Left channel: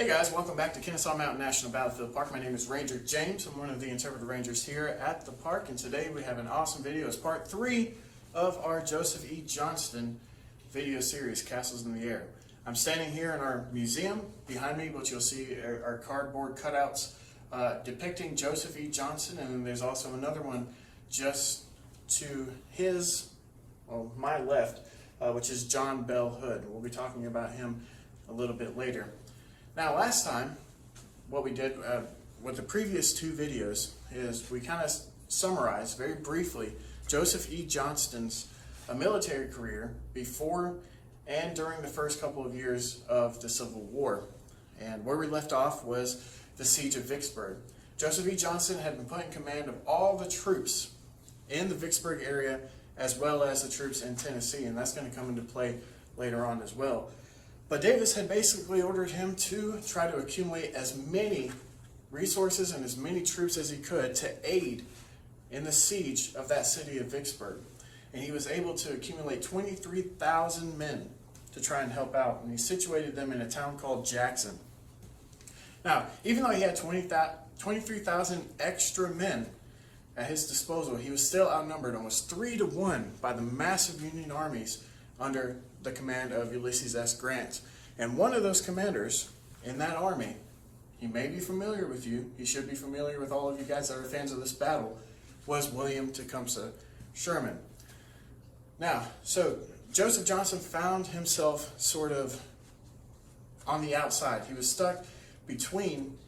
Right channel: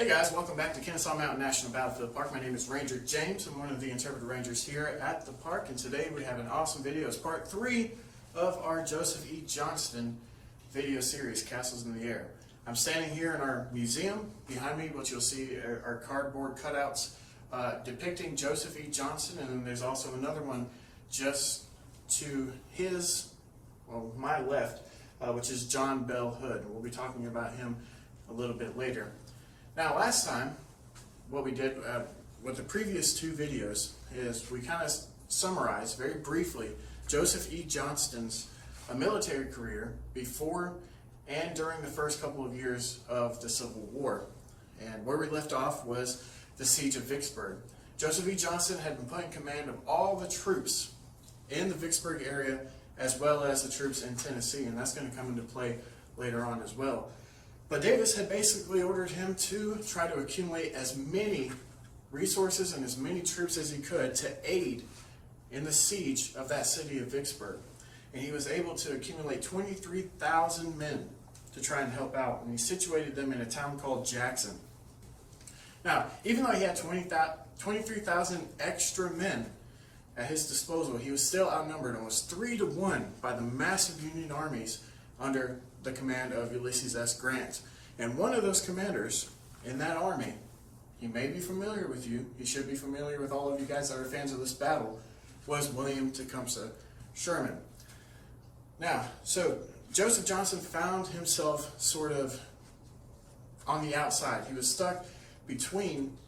Hey guys, welcome back to Kennesaw Mountain National Battlefield Park. My name is Ranger James. I'm one of the interpretive rangers here at the park, and today we have an awesome video. It's part 3 of our Joseph E. Johnston video series, Castles in the Air. I'm standing here in our museum. Behind me, what you'll see are cardboard cutouts depicting Joseph E. Johnston, and then there's also another one just to my left, which is John Bell Hood. We'll be talking about him a little bit later. Now, last time, what we did with the previous 2 videos is we kind of summarized very briefly Joseph E. Johnston's military career before and during the first couple of years of the Civil War. And where we left off was the siege of Vicksburg. Joseph E. Johnston had been put in command of all the troops in the Vicksburg area as well as the troops in Tennessee, and that's going to come into play later on as well. But Davis had basically ordered him to try to accumulate as many resources and as many troops as he could to aid in the siege of that city of Vicksburg. And he was able to accumulate 23,000 men to try and help out, and he situated them in a town called Jackson. Now, even though he had 23,000 extra men at his disposal, he was still outnumbered almost 3-to-1 by the massive Union armies under the command of Ulysses S. Grant. And one of those commanders in that army, he may be familiar with you, he should be familiar with all of you guys that are fans of this battle, was William Tecumseh Sherman. Now, so Joseph Johnston found himself sort of on the outside. He was stuck between,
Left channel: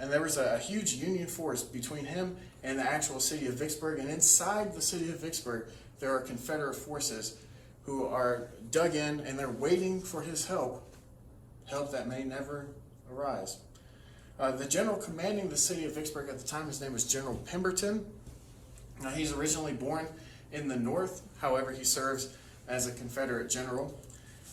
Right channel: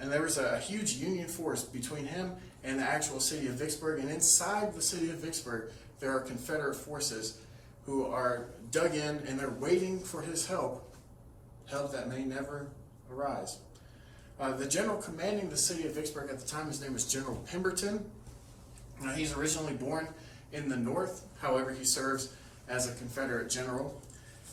and there was a huge Union force between him and the actual city of Vicksburg, and inside the city of Vicksburg there are Confederate forces who are dug in, and they're waiting for his help that may never arise. The general commanding the city of Vicksburg at the time, his name was General Pemberton. Now, he's originally born in the North, however, he serves as a Confederate general.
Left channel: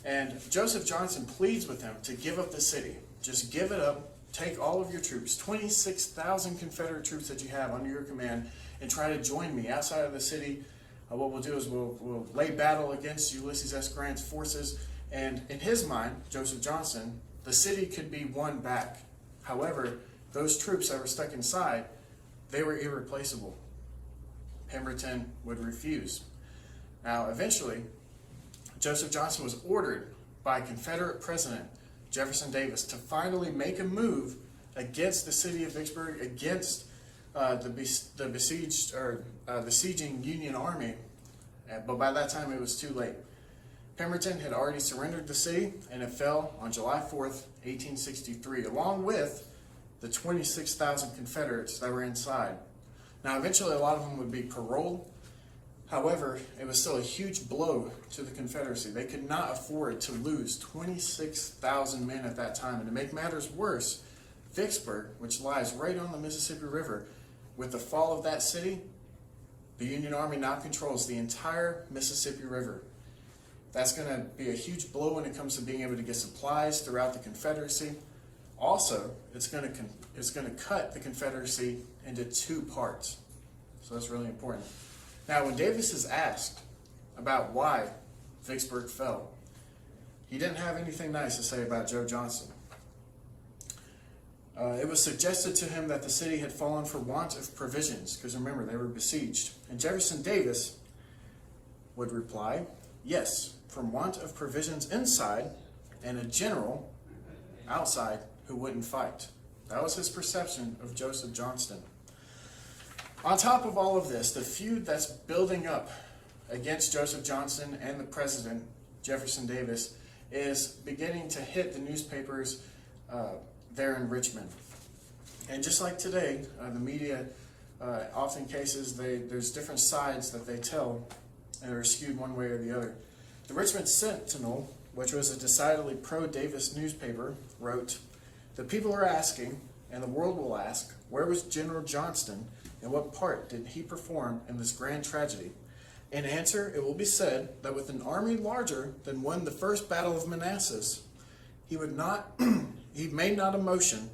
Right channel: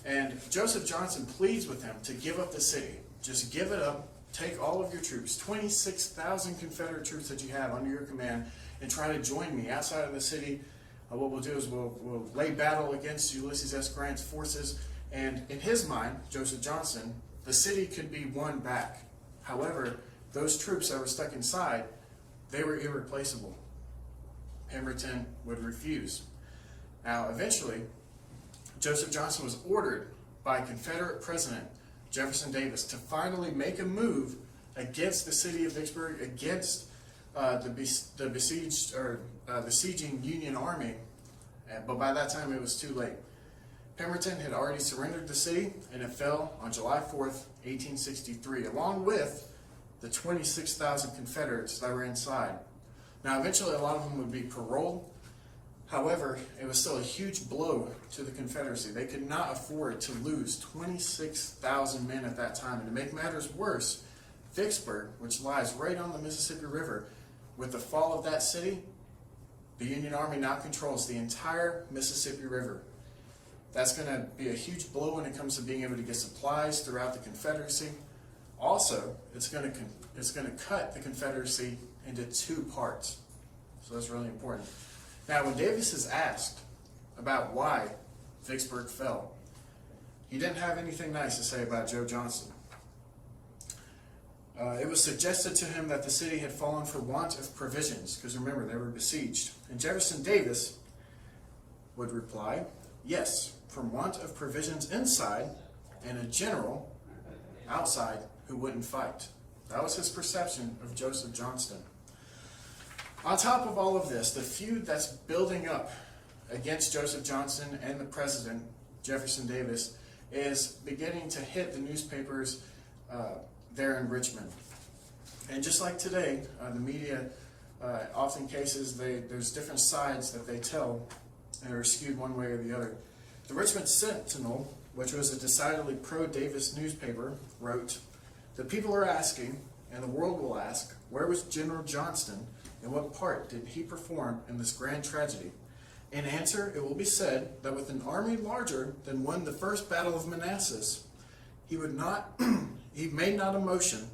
And Joseph Johnston pleads with him to give up the city. Just give it up, take all of your troops, 26,000 Confederate troops that you have under your command, and try to join me outside of the city. What we'll do is we'll lay battle against Ulysses S. Grant's forces, and in his mind, Joseph Johnston, the city could be won back. However, those troops that were stuck inside, they were irreplaceable. Pemberton would refuse. Now, eventually, Joseph Johnston was ordered by Confederate President Jefferson Davis to finally make a move against the city of Vicksburg, against the besieging Union army, but by that time it was too late. Pemberton had already surrendered the city, and it fell on July 4th, 1863, along with the 26,000 Confederates that were inside. Now, eventually a lot of them would be paroled. However, it was still a huge blow to the Confederacy. They could not afford to lose 26,000 men at that time. And to make matters worse, Vicksburg, which lies right on the Mississippi River, with the fall of that city, the Union Army now controls the entire Mississippi River. That's going to be a huge blow when it comes to being able to get supplies throughout the Confederacy. Also, it's going to cut the Confederacy into 2 parts. So that's really important. Now, when Davis is asked about why Vicksburg fell, he didn't have anything nice to say about Joe Johnston. It was suggested to him that the city had fallen for want of provisions, because remember, they were besieged. And Jefferson Davis would reply, yes, from want of provisions inside and a general outside who wouldn't fight. That was his perception of Joseph Johnston. On top of all of this, the feud that's building up against Joseph Johnston and the president, Jefferson Davis, is beginning to hit the newspapers there in Richmond. And just like today, the media, often cases, there's different sides that they tell and are skewed one way or the other. The Richmond Sentinel, which was a decidedly pro-Davis newspaper, wrote, "The people are asking, and the world will ask, where was General Johnston, and what part did he perform in this grand tragedy? In answer, it will be said that with an army larger than when the first battle of Manassas, he made not a motion,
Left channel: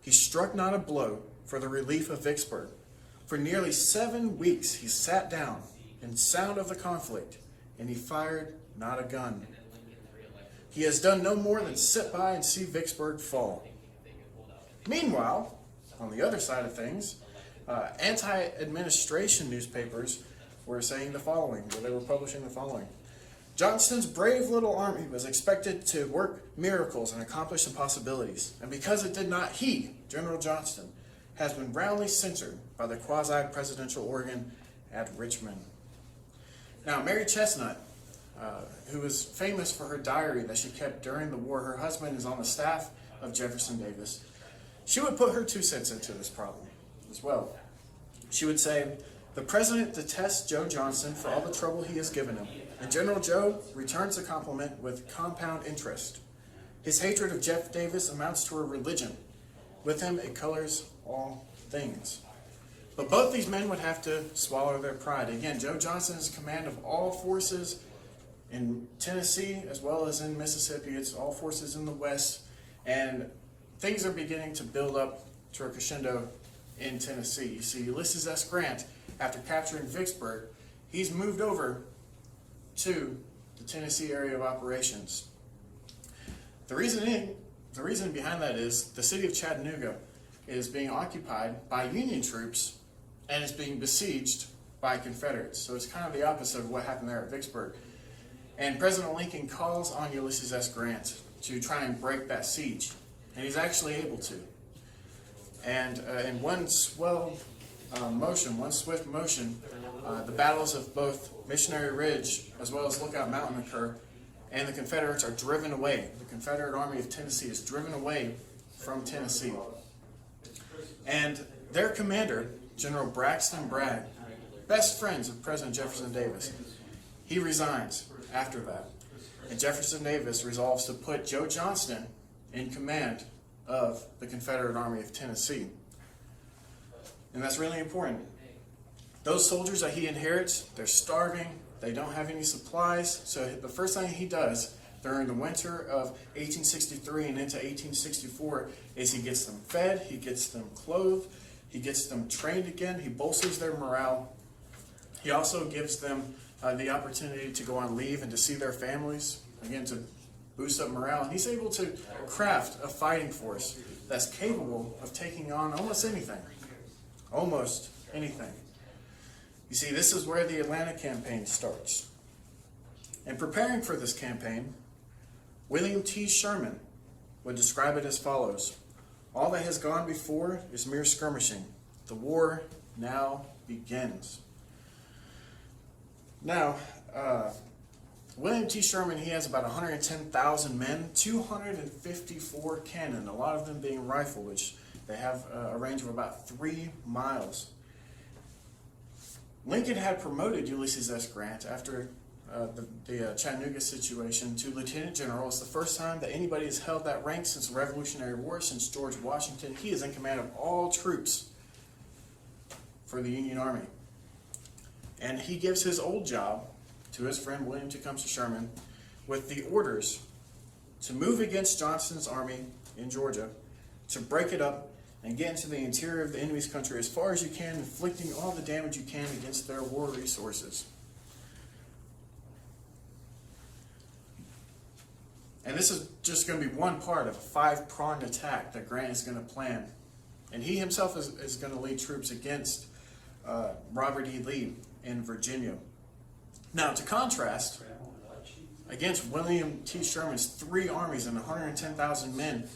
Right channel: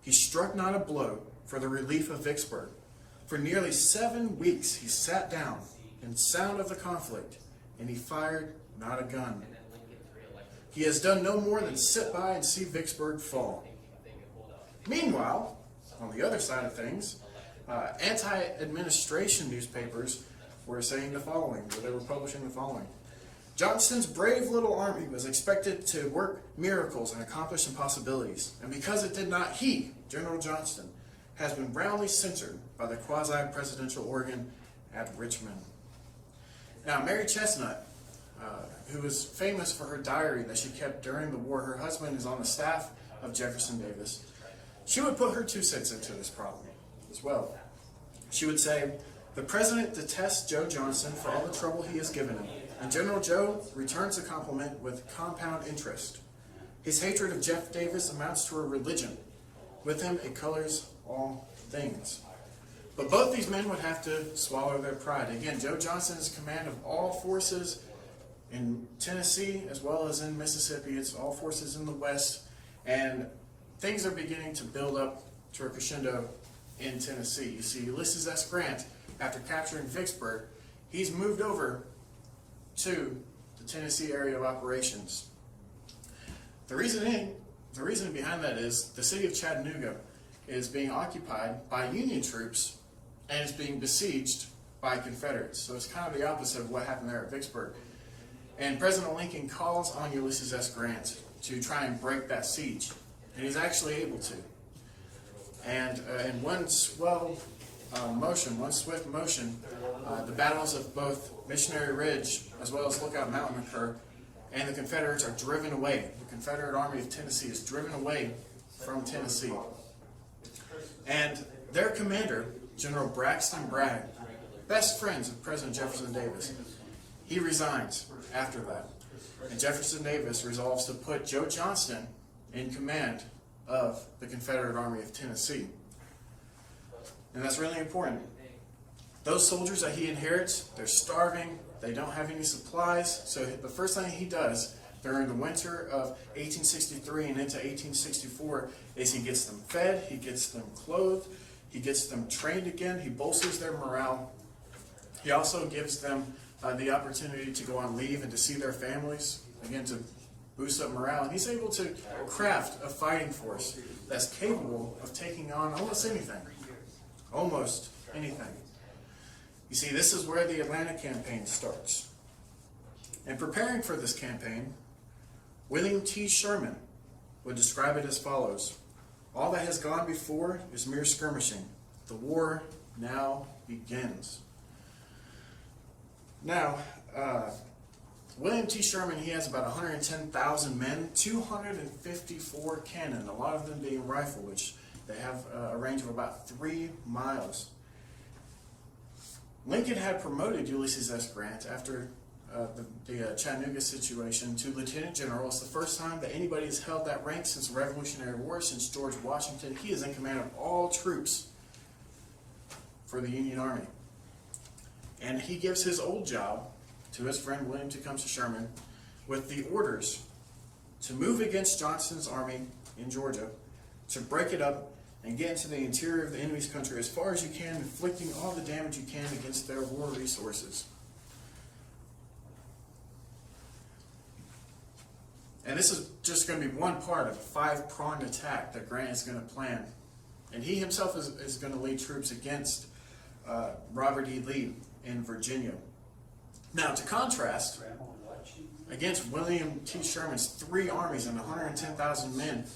he struck not a blow for the relief of Vicksburg. For nearly 7 weeks he sat down in sound of the conflict, and he fired not a gun. He has done no more than sit by and see Vicksburg fall. Meanwhile, on the other side of things, anti-administration newspapers were saying the following, or they were publishing the following. Johnston's brave little army was expected to work miracles and accomplish impossibilities, and because it did not, he, General Johnston, has been roundly censored by the quasi-presidential organ at Richmond. Now, Mary Chestnut, who was famous for her diary that she kept during the war, her husband is on the staff of Jefferson Davis. She would put her 2 cents into this problem as well. She would say, "The president detests Joe Johnston for all the trouble he has given him, and General Joe returns the compliment with compound interest. His hatred of Jeff Davis amounts to a religion. With him, it colors all things." But both these men would have to swallow their pride. Again, Joe Johnston is in command of all forces in Tennessee as well as in Mississippi. It's all forces in the West, and things are beginning to build up to a crescendo in Tennessee. You see, Ulysses S. Grant, after capturing Vicksburg, he's moved over to the Tennessee area of operations. The reason behind that is the city of Chattanooga is being occupied by Union troops and is being besieged by Confederates. So it's kind of the opposite of what happened there at Vicksburg. And President Lincoln calls on Ulysses S. Grant to try and break that siege. And he's actually able to. And in one swift motion, the battles of both Missionary Ridge as well as Lookout Mountain occur, and the Confederates are driven away. The Confederate Army of Tennessee is driven away from Tennessee. And their commander, General Braxton Bragg, best friends of President Jefferson Davis, he resigns after that. And Jefferson Davis resolves to put Joe Johnston in command of the Confederate Army of Tennessee. And that's really important. Those soldiers that he inherits, they're starving, they don't have any supplies, so the first thing he does during the winter of 1863 and into 1864 is he gets them fed, he gets them clothed, he gets them trained again, he bolsters their morale. He also gives them the opportunity to go on leave and to see their families, again to boost up morale. And he's able to craft a fighting force that's capable of taking on almost anything. Almost anything. You see, this is where the Atlanta campaign starts. In preparing for this campaign, William T. Sherman would describe it as follows: "All that has gone before is mere skirmishing. The war now begins." Now, William T. Sherman, he has about 110,000 men, 254 cannon, a lot of them being rifle, which they have a range of about 3 miles. Lincoln had promoted Ulysses S. Grant after the Chattanooga situation to lieutenant general. It's the first time that anybody has held that rank since the Revolutionary War, since George Washington. He is in command of all troops for the Union Army. And he gives his old job to his friend William Tecumseh Sherman with the orders to move against Johnston's army in Georgia, to break it up and get into the interior of the enemy's country as far as you can, inflicting all the damage you can against their war resources. And this is just going to be one part of a 5-pronged attack that Grant is going to plan. And he himself is going to lead troops against Robert E. Lee in Virginia. Now, to contrast, against William T. Sherman's 3 armies and 110,000 men,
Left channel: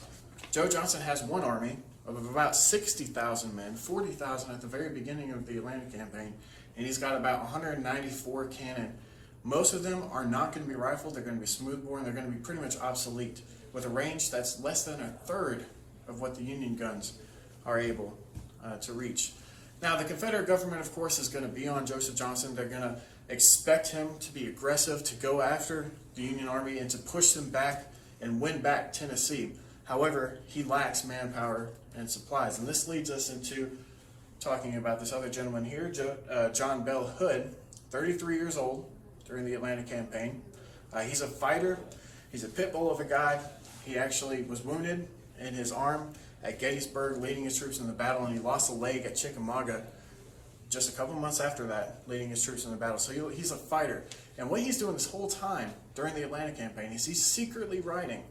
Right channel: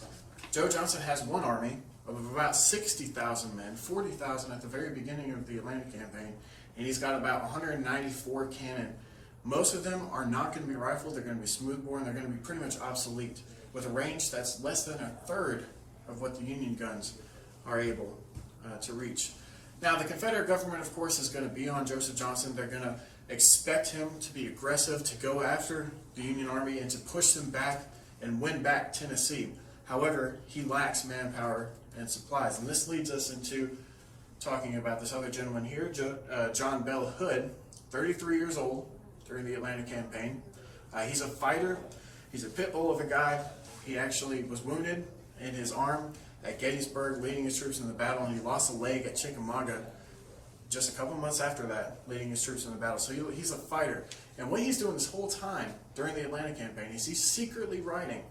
Joe Johnston has one army of about 60,000 men, 40,000 at the very beginning of the Atlanta campaign, and he's got about 194 cannon. Most of them are not going to be rifled, they're going to be smoothbore, and they're going to be pretty much obsolete, with a range that's less than a third of what the Union guns are able to reach. Now, the Confederate government, of course, is going to be on Joseph Johnston. They're going to expect him to be aggressive, to go after the Union Army, and to push them back and win back Tennessee. However, he lacks manpower and supplies. And this leads us into talking about this other gentleman here, John Bell Hood, 33 years old during the Atlanta campaign. He's a fighter. He's a pit bull of a guy. He actually was wounded in his arm at Gettysburg, leading his troops in the battle, and he lost a leg at Chickamauga just a couple months after that, leading his troops in the battle. So he's a fighter. And what he's doing this whole time during the Atlanta campaign is he's secretly writing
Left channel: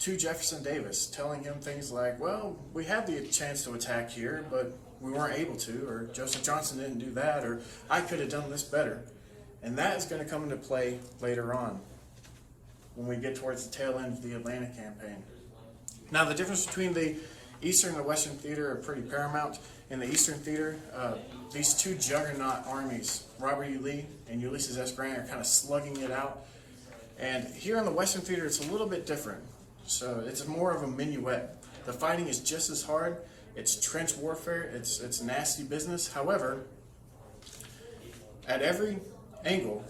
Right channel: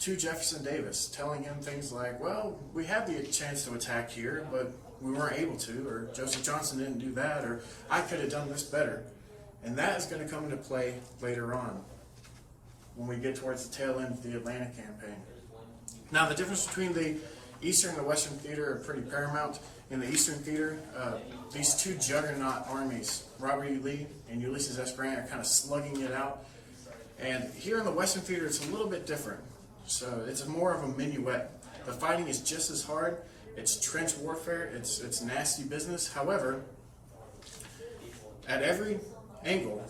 to Jefferson Davis, telling him things like, well, we had the chance to attack here, but we weren't able to, or Joseph Johnston didn't do that, or I could have done this better. And that is going to come into play later on when we get towards the tail end of the Atlanta campaign. Now, the difference between the Eastern and the Western theater are pretty paramount. In the Eastern theater, these two juggernaut armies, Robert E. Lee and Ulysses S. Grant, are kind of slugging it out. And here in the Western theater, it's a little bit different. So it's more of a minuet. The fighting is just as hard. It's trench warfare. It's nasty business. However, at every angle,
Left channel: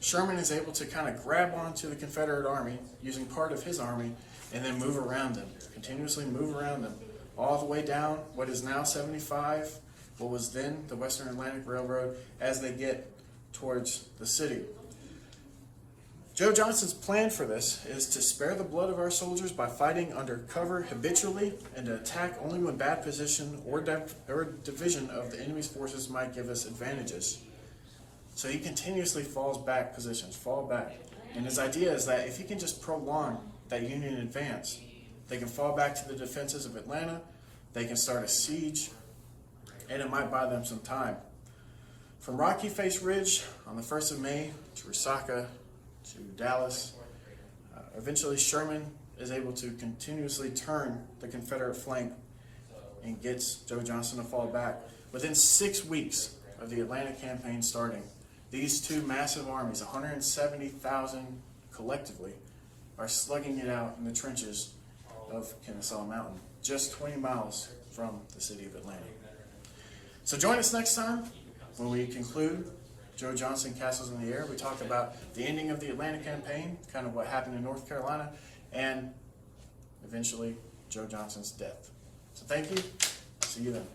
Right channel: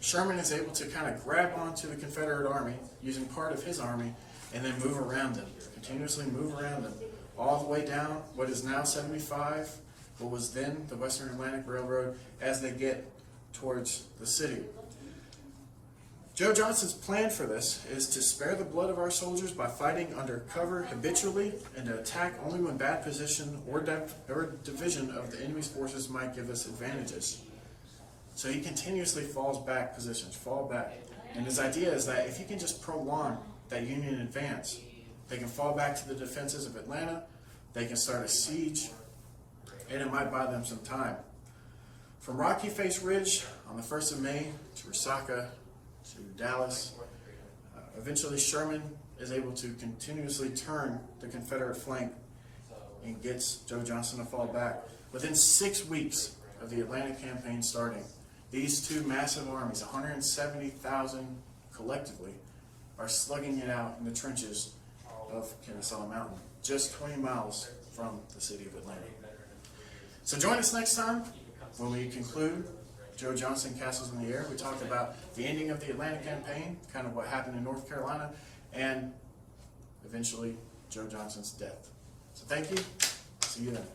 Sherman is able to kind of grab onto the Confederate army using part of his army and then move around them, continuously move around them, all the way down what is now 75, what was then the Western Atlantic Railroad, as they get towards the city. Joe Johnston's plan for this is to spare the blood of our soldiers by fighting under cover habitually and to attack only when bad position or division of the enemy's forces might give us advantages. So he continuously falls back positions, fall back. And his idea is that if he can just prolong that Union advance, they can fall back to the defenses of Atlanta, they can start a siege, and it might buy them some time. From Rocky Face Ridge on the 1st of May to Resaca to Dallas, eventually Sherman is able to continuously turn the Confederate flank and gets Joe Johnston to fall back. Within 6 weeks of the Atlanta campaign starting, these two massive armies, 170,000 collectively, are slugging it out in the trenches of Kennesaw Mountain, just 20 miles from the city of Atlanta. So join us next time when we conclude Joe Johnston Castles in the Air. We talked about the ending of the Atlanta campaign, kind of what happened in North Carolina, and eventually Joe Johnston's death. So thank you. See you then.